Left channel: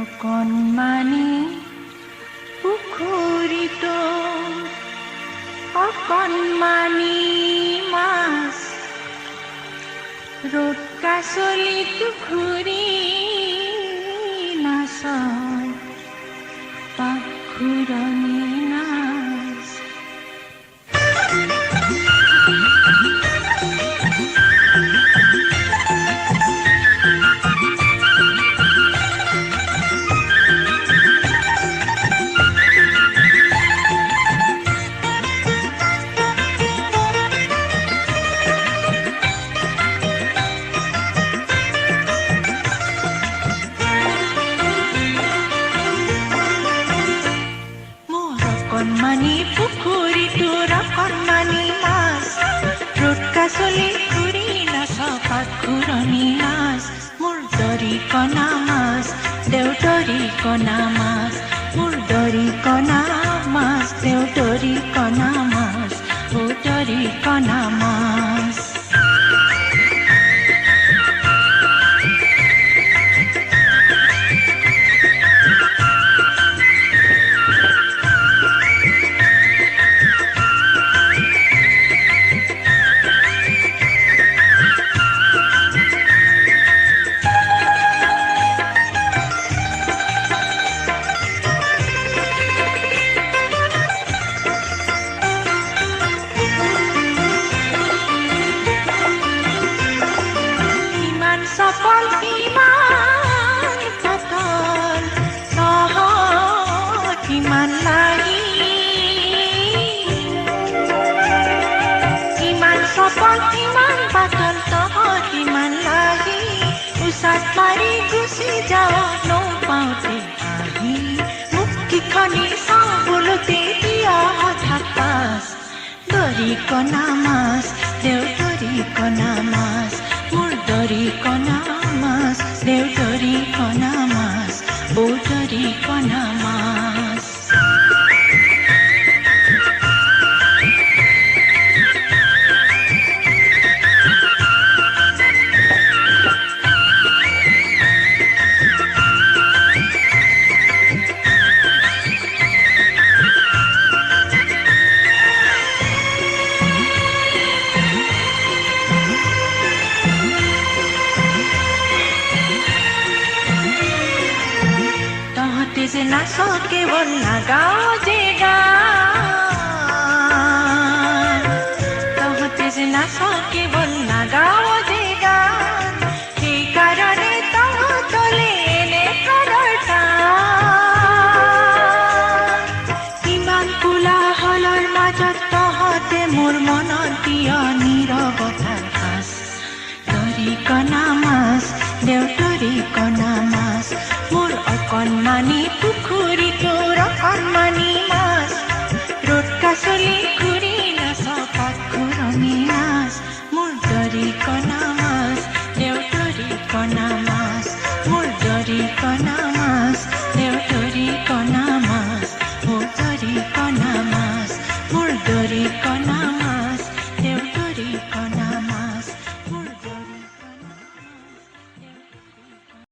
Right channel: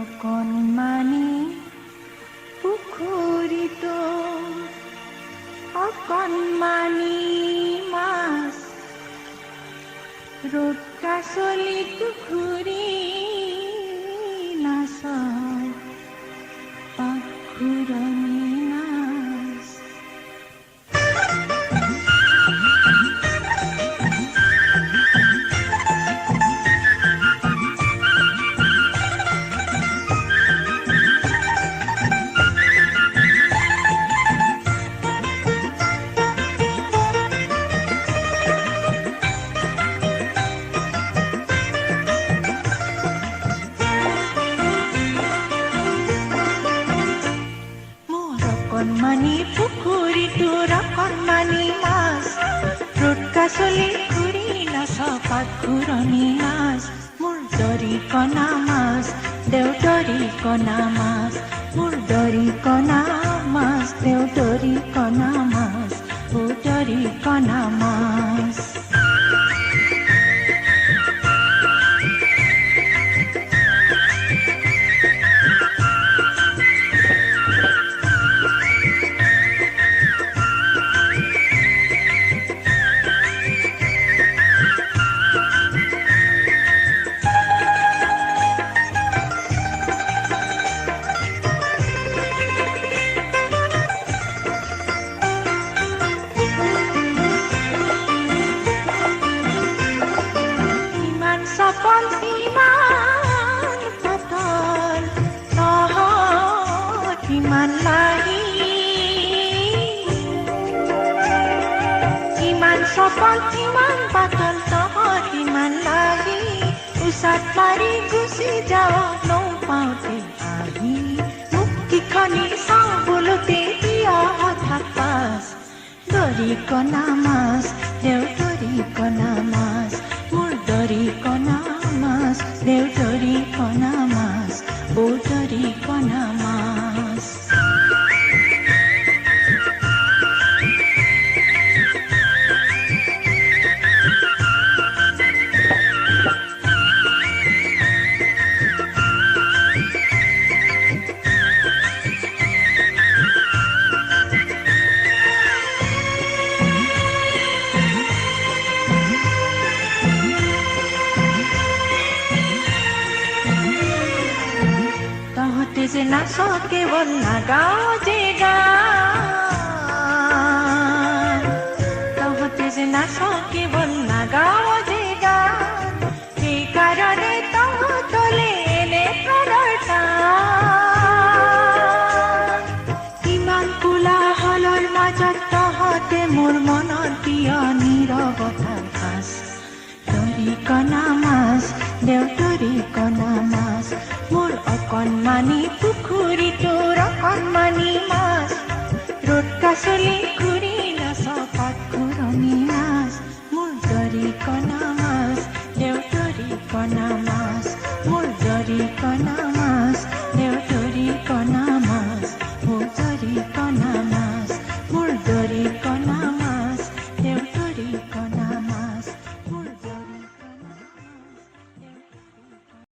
অকণমানি পুখুৰীটো অকণমানি মাছ ৰ'দ কাছলিটো ঘূৰি নাচয় পাখুৰণি নাচ। অকণমানি পুখুৰীটোৰ অকণমানি মাছ ৰ'দ কাছলি ঘূৰি নাচ পাখুৰণি নাচ। মোৰ দৰিকণা মাছ দেউদৰিকণা মাছ মোৰ দৰিকণা মাছ দেউদৰিকণা মাছ ও দৰিকণা মাছ। সফল কিমান পাতল কিমান লাগি কিমান সফল কিমান পাতল কিমান লাগি উচাত মাৰি গুচি যাওঁ নৌপাওঁতে আহি মুক্তিখনি চাওঁ বোলোতে দিয়া হঠাৎ পাছ। দৰিকণা মাছ দেউদৰিকণা মাছ মোৰ দৰিকণা মাছ দেউদৰিকণা মাছ ও দৰিকণা মাছ। তহঁতে যে নাচ কেৱল নাগাঁও যে গান তহঁতে যে নাচ কেৱল নাগাঁও যে গান সেইকাৰণে তহঁতলে এনে কালৰ টান। ইমান কোলাহলৰ মাজত তহঁতে মোৰ মনত দিয় নীৰৱতাৰ সাজ। দৰিকণা মাছ দেউদৰিকণা মাছ মোৰ অকণমানি